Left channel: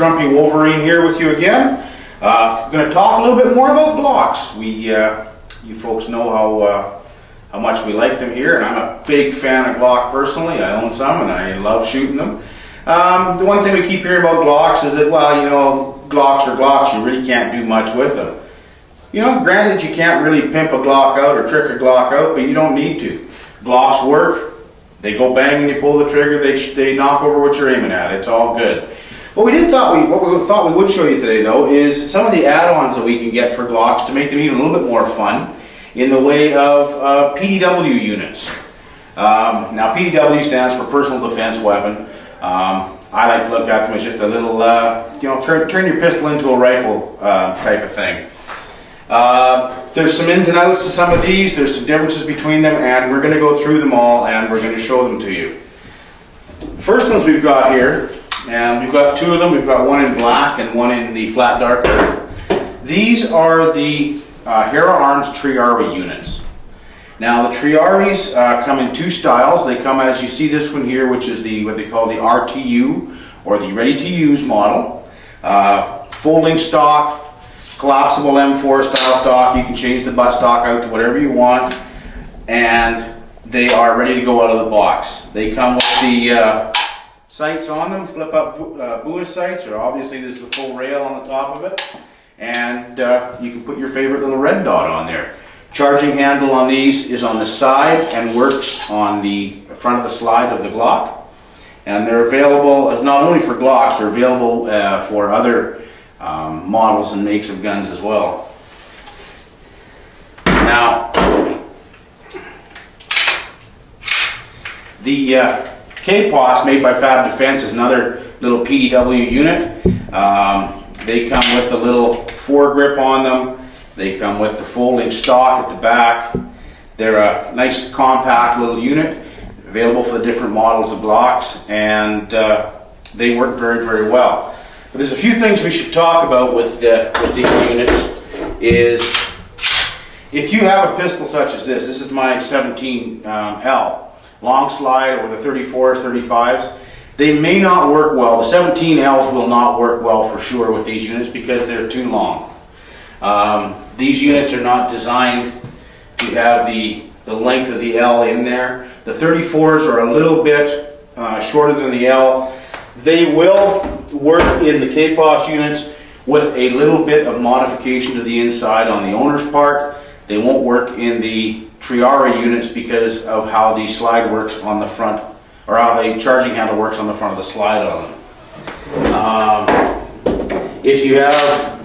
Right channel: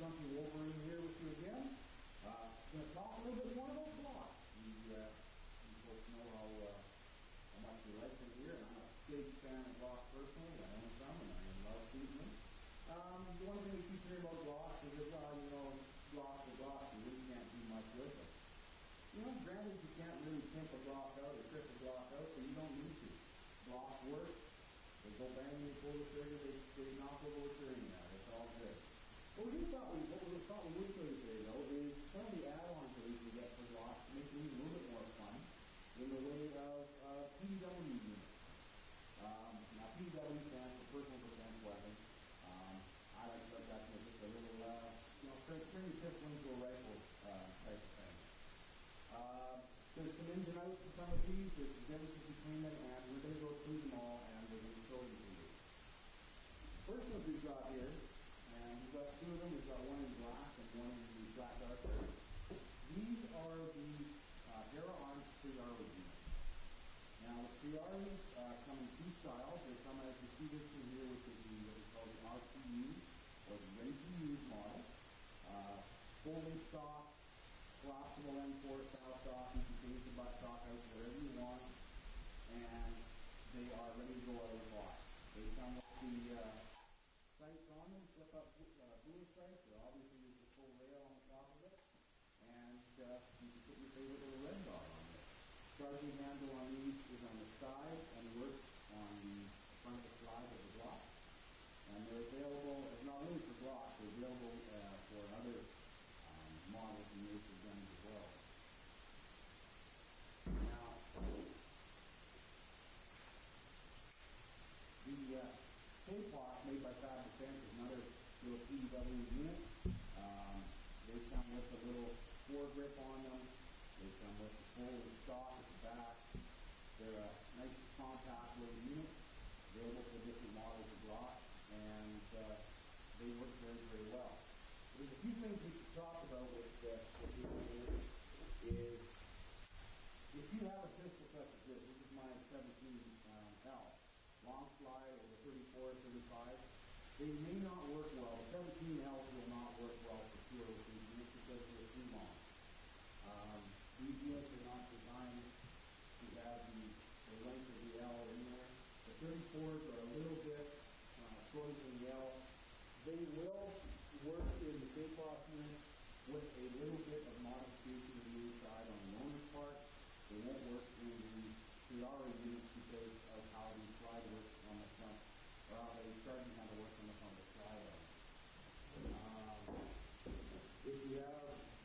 Grumpy Wolverine here with you again. I'm going to talk a little bit more about Glocks. You folks know how much we like them here, and I'm a big fan of Glock personally. I own some and I love shooting them. The one thing we keep hearing about Glocks is that, well, you know, Glocks are Glocks, you really can't do much with them. You know, granted, you can't really pimp a Glock out or trick a Glock out, but you don't need to. Glocks work, they go bang when you pull the trigger, they knock over what you're aiming at. It's all good. What we thought we would show you today, though, is some of the add-ons that we can get for Glocks to make them even a little bit more fun in the way of PDW units. Now, PDW stands for Personal Defense Weapon. I like to look at them as just a little, you know, turn your pistol into a rifle type of thing. There's some ins and outs to some of these, there's some differences between them, and we're going to go through them all and we're going to show them to you. First ones we've got here, and we've got two of them. We've got one in black and one in the flat dark earth. These are the Hera Arms Triarii units. Now the Triaries come in two styles. They come, as you see this one here, which is what they call the RTU, or the ready-to-use model. Folding stock, collapsible M4 style stock. You can change the butt stock out to whatever you want, and they are ready to go out of the box. They come with the sights on them, flip up buoy sights, or obviously there's the full rail on the top of it, and you can put your favorite little red dot on there. Charging handle on these is on the side and works on the front of the slide of the Glock, and they're available not only for Glocks, they're available for other models and makes of guns as well. Now, the KPOS made by Fab Defense is another little PDW unit. They come with a little foregrip on them. They come with the folding stock at the back. They're a nice compact little unit, available for the different models of Glocks, and they work very, very well. But there's a few things we should talk about with these units. Is if you have a pistol such as this is my 17L. Long slide, or the 34s, 35s, they may not work well. The 17Ls will not work well for sure with these units because they're too long. These units are not designed to have the length of the L in there. The 34s are a little bit shorter than the L. They will work in the KPOS units with a little bit of modification to the inside on the owner's part. They won't work in the Triarii units because of how the slide works on the front, or how the charging handle works on the front of the slide on them. If you have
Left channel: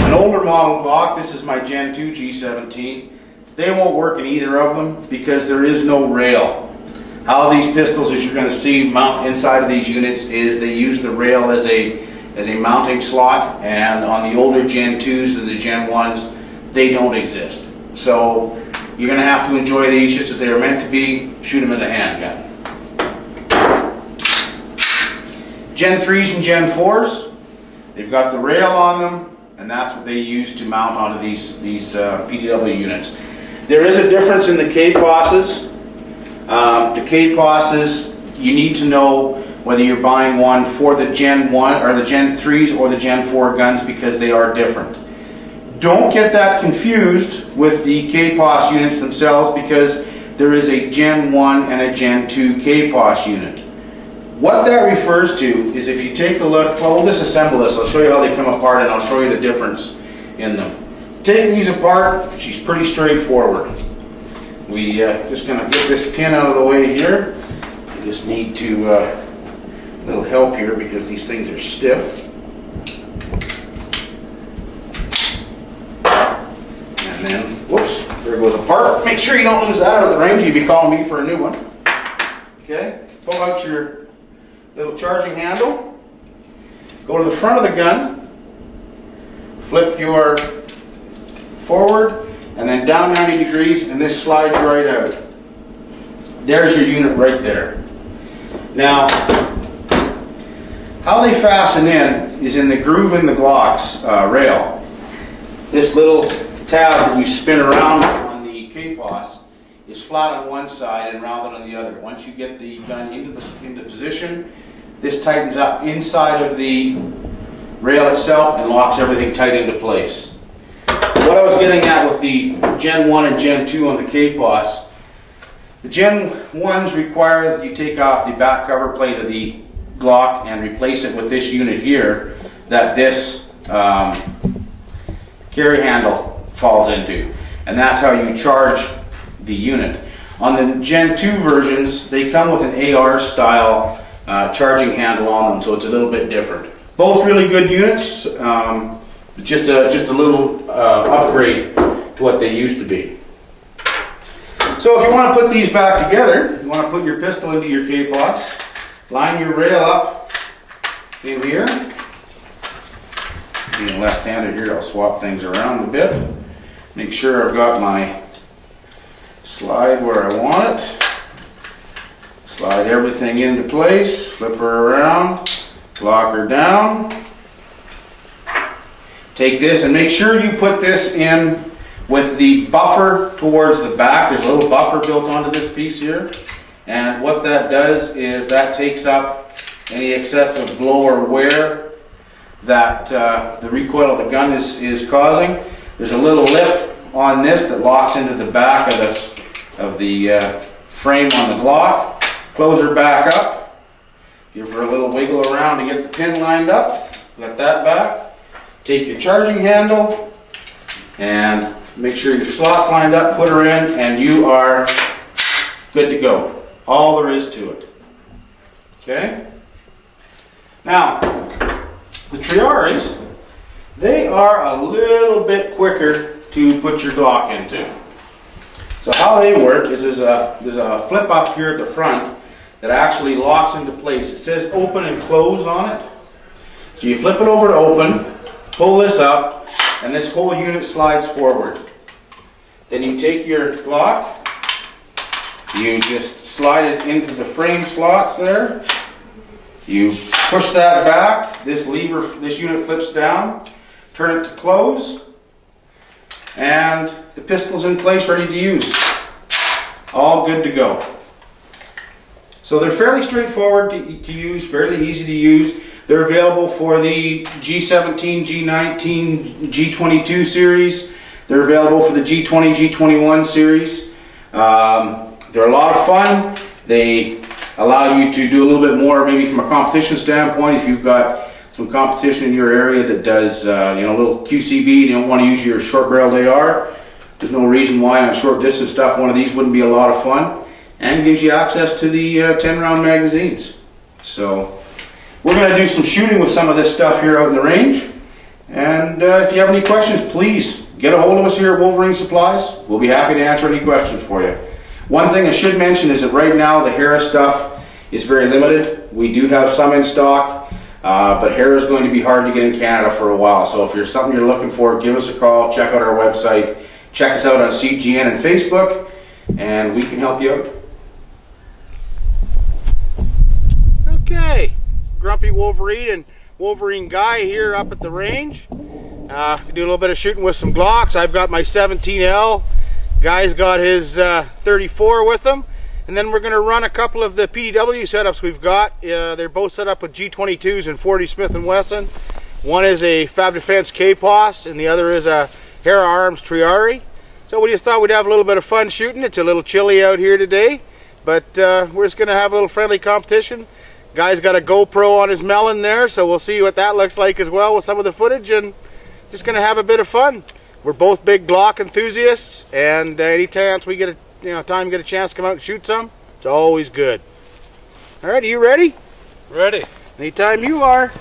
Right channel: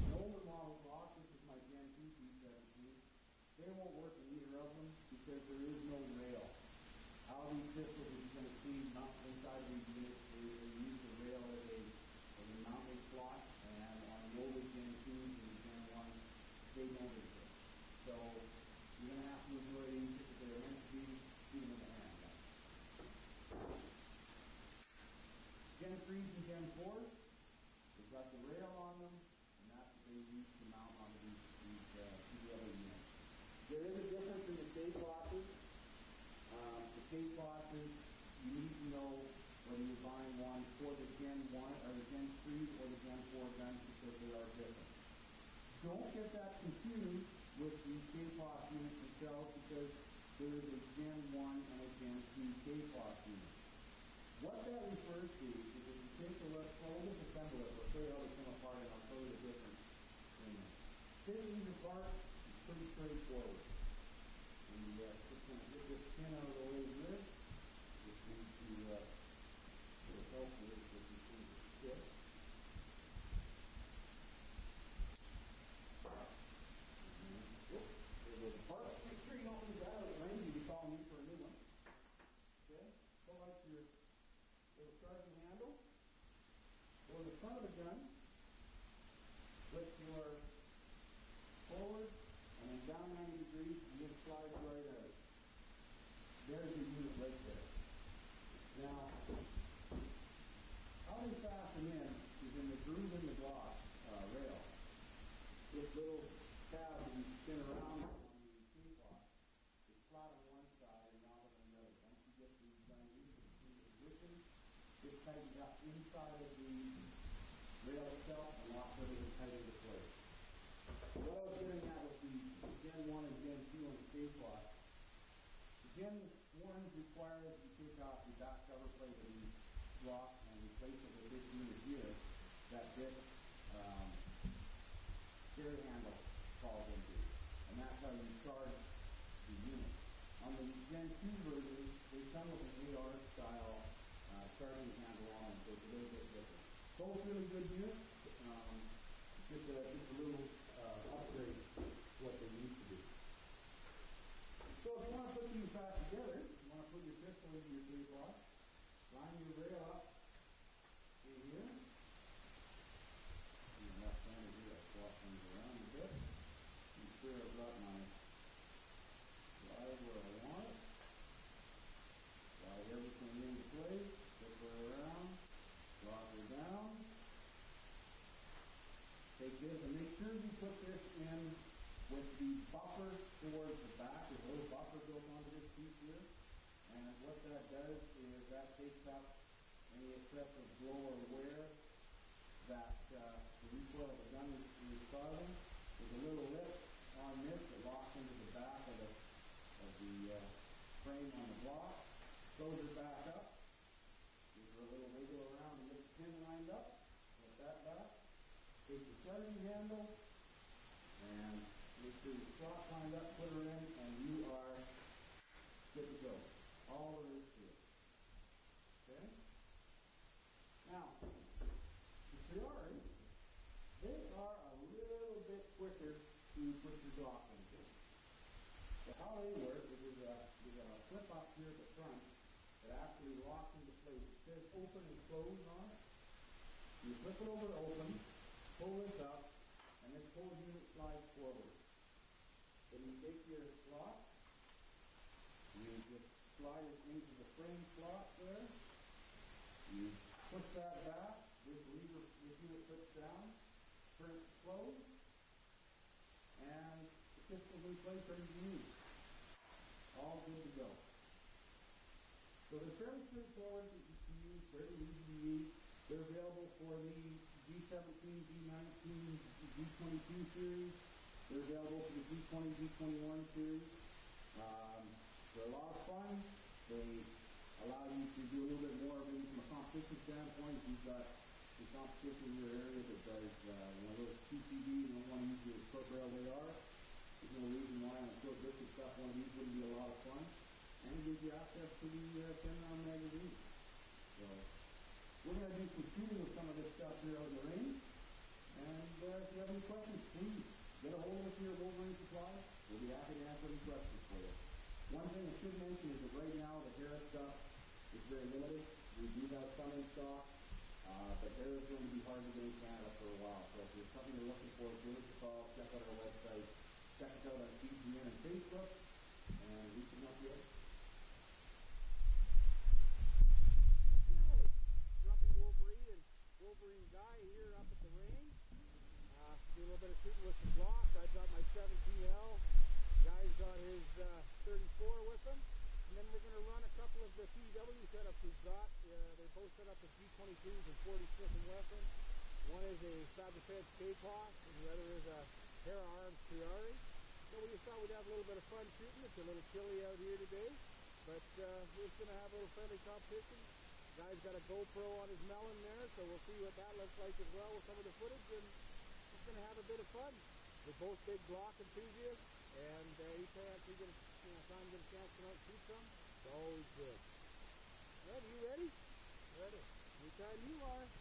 an older model Glock, this is my Gen 2 G17, they won't work in either of them because there is no rail. How these pistols, as you're going to see, mount inside of these units is they use the rail as a mounting slot, and on the older Gen 2s and the Gen 1s, they don't exist. So you're going to have to enjoy these just as they are meant to be. Shoot them as a handgun. Gen 3s and Gen 4s, they've got the rail on them, and that's what they use to mount onto these PDW units. There is a difference in the KPOSs. The KPOSs, you need to know whether you're buying one for the Gen 1 or the Gen 3s or the Gen 4 guns, because they are different. Don't get that confused with the KPOS units themselves, because there is a Gen 1 and a Gen 2 KPOS unit. What that refers to is, if you take a look, well, we'll disassemble this. I'll show you how they come apart, and I'll show you the difference in them. Take these apart, she's pretty straightforward. We just going to get this pin out of the way here. We just need to a little help here because these things are stiff. And then, whoops, there it goes apart. Make sure you don't lose that out of the range. You'd be calling me for a new one. Okay, pull out your little charging handle. Go to the front of the gun. Flip your forward and then down 90 degrees, and this slides right out. There's your unit right there. Now, how they fasten in is in the groove in the Glock's rail. This little tab that you spin around on the KPOS is flat on one side and rounded on the other. Once you get the gun into position, This tightens up inside of the rail itself and locks everything tight into place. What I was getting at with the Gen 1 and Gen 2 on the KPOS, the Gen 1s require that you take off the back cover plate of the Glock and replace it with this unit here that this carry handle falls into. And that's how you charge the unit. On the Gen 2 versions, they come with an AR style charging handle on them, so it's a little bit different. Both really good units, just a little upgrade to what they used to be. So if you want to put these back together, you want to put your pistol into your KPOS, line your rail up in here. Being left-handed here, I'll swap things around a bit. Make sure I've got my slide where I want it. Slide everything into place, flip her around, lock her down. Take this and make sure you put this in with the buffer towards the back. There's a little buffer built onto this piece here. And what that does is that takes up any excessive blow or wear that the recoil of the gun is causing. There's a little lip on this that locks into the back of the frame on the Glock. Close her back up. Give her a little wiggle around to get the pin lined up. Let that back. Take your charging handle and make sure your slot's lined up, put her in, and you are good to go. All there is to it. Okay? Now, the Triaries, they are a little bit quicker to put your Glock into. So how they work is there's a flip up here at the front that actually locks into place. It says open and close on it. So you flip it over to open, pull this up, and this whole unit slides forward. Then you take your Glock, you just slide it into the frame slots there. You push that back, this unit flips down, turn it to close, and the pistol's in place, ready to use. All good to go. So they're fairly straightforward to use, fairly easy to use. They're available for the G17, G19, G22 series. They're available for the G20, G21 series. They're a lot of fun. They allow you to do a little bit more, maybe from a competition standpoint. If you've got some competition in your area that does, you know, a little QCB and you don't want to use your short-barreled AR, there's no reason why on short distance stuff one of these wouldn't be a lot of fun, and gives you access to the 10-round magazines. So we're going to do some shooting with some of this stuff here out in the range. And if you have any questions, please get a hold of us here at Wolverine Supplies. We'll be happy to answer any questions for you. One thing I should mention is that right now the Hera stuff is very limited. We do have some in stock, but Hera is going to be hard to get in Canada for a while. So if there's something you're looking for, give us a call, check out our website, check us out on CGN and Facebook, and we can help you out. Okay, Grumpy Wolverine and Wolverine Guy here up at the range. Do a little bit of shooting with some Glocks. I've got my 17L. Guy's got his 34 with him. And then we're going to run a couple of the PDW setups we've got. They're both set up with G22s and 40 Smith & Wesson. One is a Fab Defense KPOS and the other is a Hera Arms Triarii. So we just thought we'd have a little bit of fun shooting. It's a little chilly out here today, but we're just going to have a little friendly competition. Guy's got a GoPro on his melon there, so we'll see what that looks like as well with some of the footage, and just going to have a bit of fun. We're both big Glock enthusiasts, and any chance we get a get a chance to come out and shoot some, it's always good. All right, are you ready? Ready. Anytime you are.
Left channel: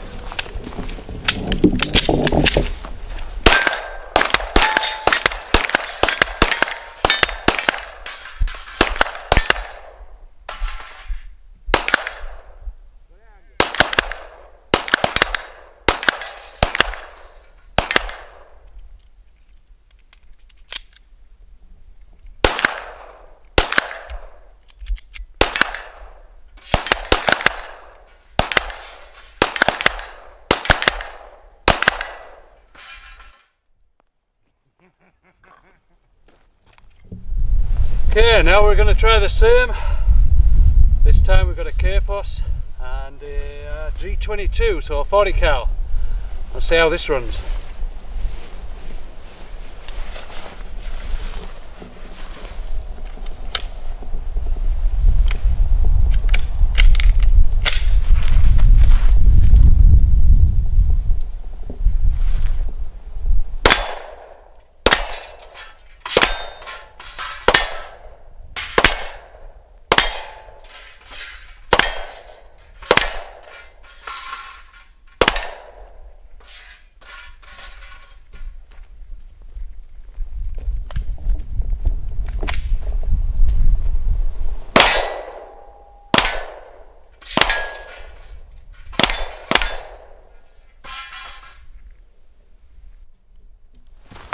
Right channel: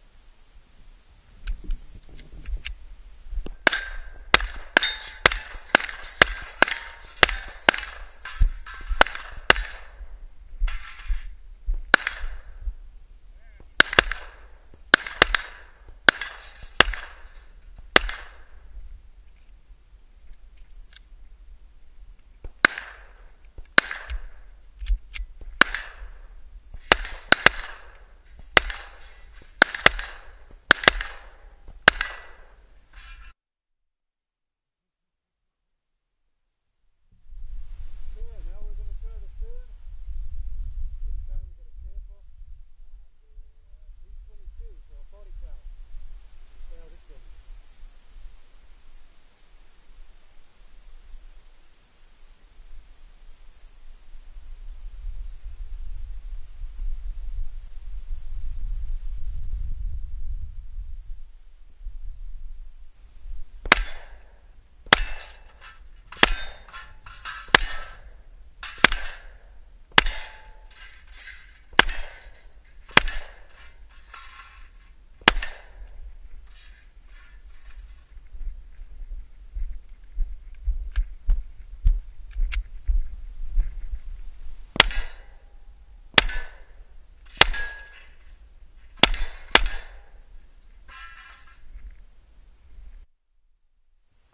Okay, now we're going to try the same. This time we've got a KPOS and a G22, so a 40 cal. Let's see how this runs.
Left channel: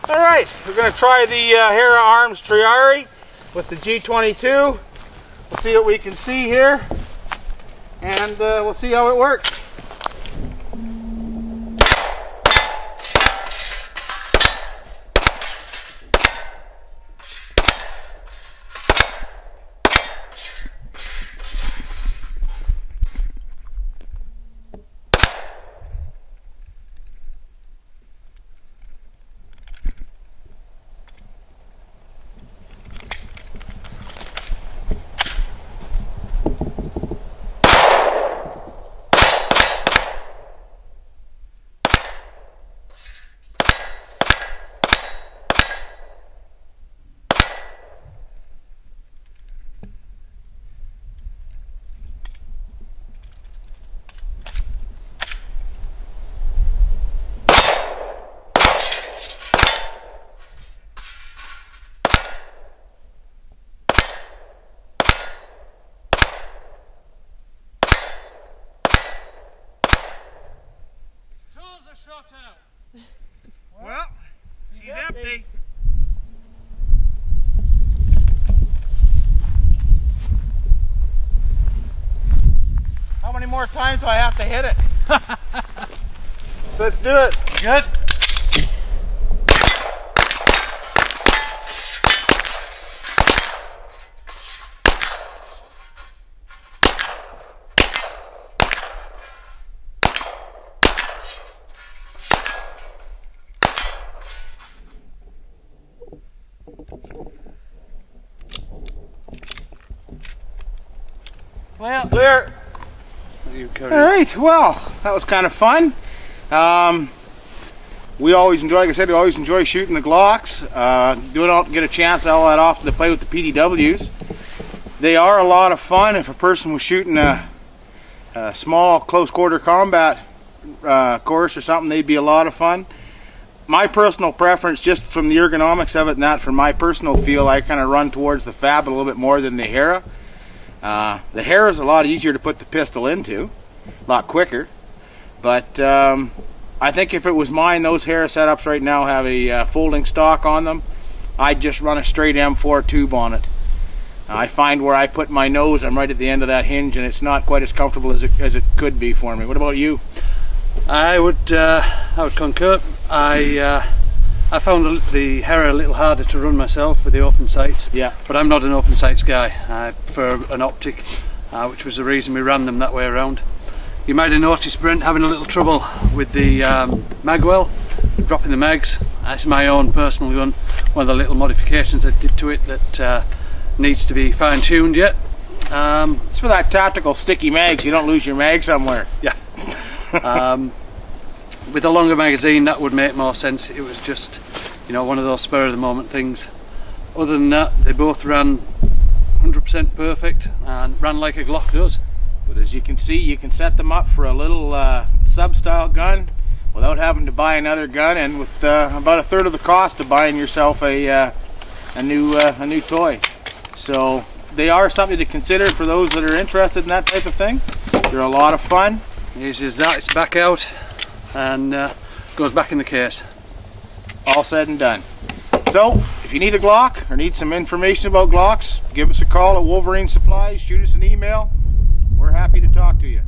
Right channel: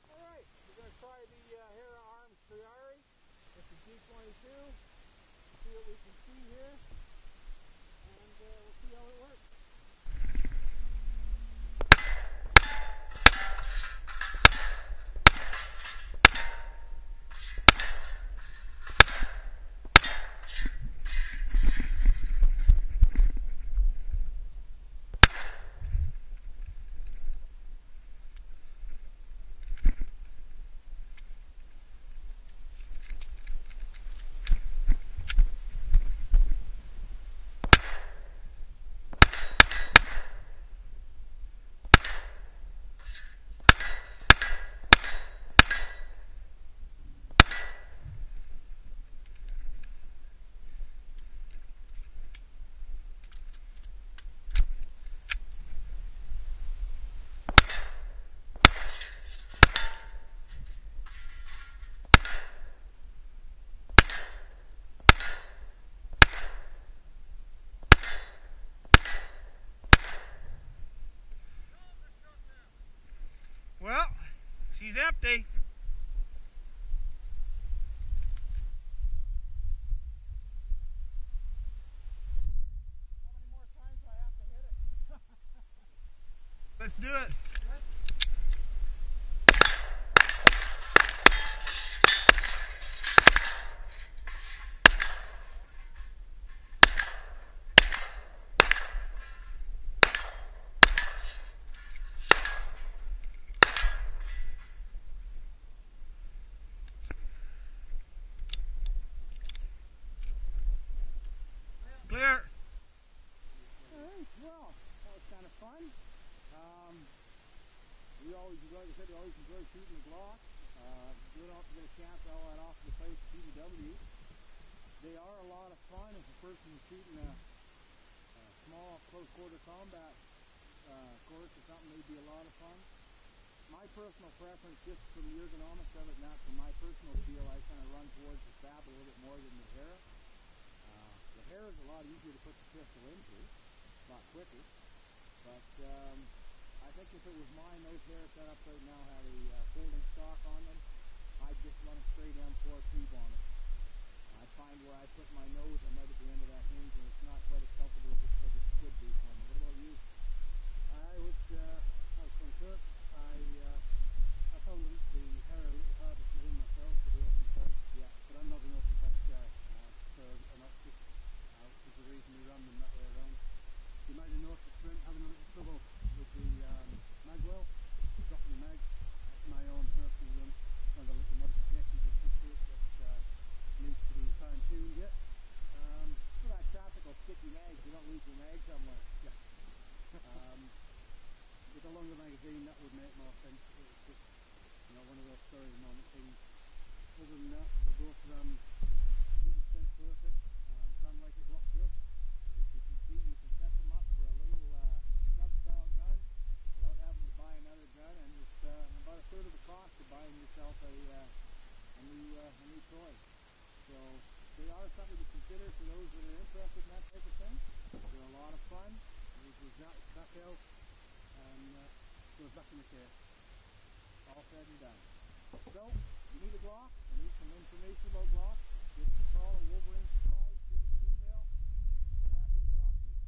Alright, we're going to try the Hera Arms Triarii with the G22. We'll see what we can see here, and we'll see how it works. Well, she's empty. How many more times do I have to hit it? Let's do it. Good? Well, Clear. All right, well, that was kind of fun. We always enjoy, like I said, we always enjoy shooting the Glocks. Don't get a chance all that often to play with the PDWs. They are a lot of fun. If a person was shooting a small close quarter combat course or something, they'd be a lot of fun. My personal preference, just from the ergonomics of it and that, from my personal feel, I kind of run towards the Fab a little bit more than the Hera. The Hera is a lot easier to put the pistol into, a lot quicker, but I think if it was mine, those Hera setups right now have a folding stock on them. I'd just run a straight M4 tube on it. I find where I put my nose, I'm right at the end of that hinge, and it's not quite as comfortable as it could be for me. What about you? I would concur. I found the Hera a little harder to run myself with the open sights. Yeah. But I'm not an open sights guy. I prefer an optic, which was the reason we ran them that way around. You might have noticed Brent having a little trouble with the magwell, dropping the mags. That's my own personal gun. One of the little modifications I did to it that needs to be fine-tuned yet. It's for that tactical sticky mags. You don't lose your mag somewhere. Yeah. With a longer magazine, that would make more sense. It was just, you know, one of those spur of the moment things. Other than that, they both ran 100% perfect and ran like a Glock does. But as you can see, you can set them up for a little sub-style gun without having to buy another gun, and with about a third of the cost of buying yourself a new toy. So they are something to consider for those that are interested in that type of thing. They're a lot of fun. Easy as that. It's back out and goes back in the case. All said and done. So if you need a Glock or need some information about Glocks, give us a call at Wolverine Supplies, shoot us an email. We're happy to talk to you.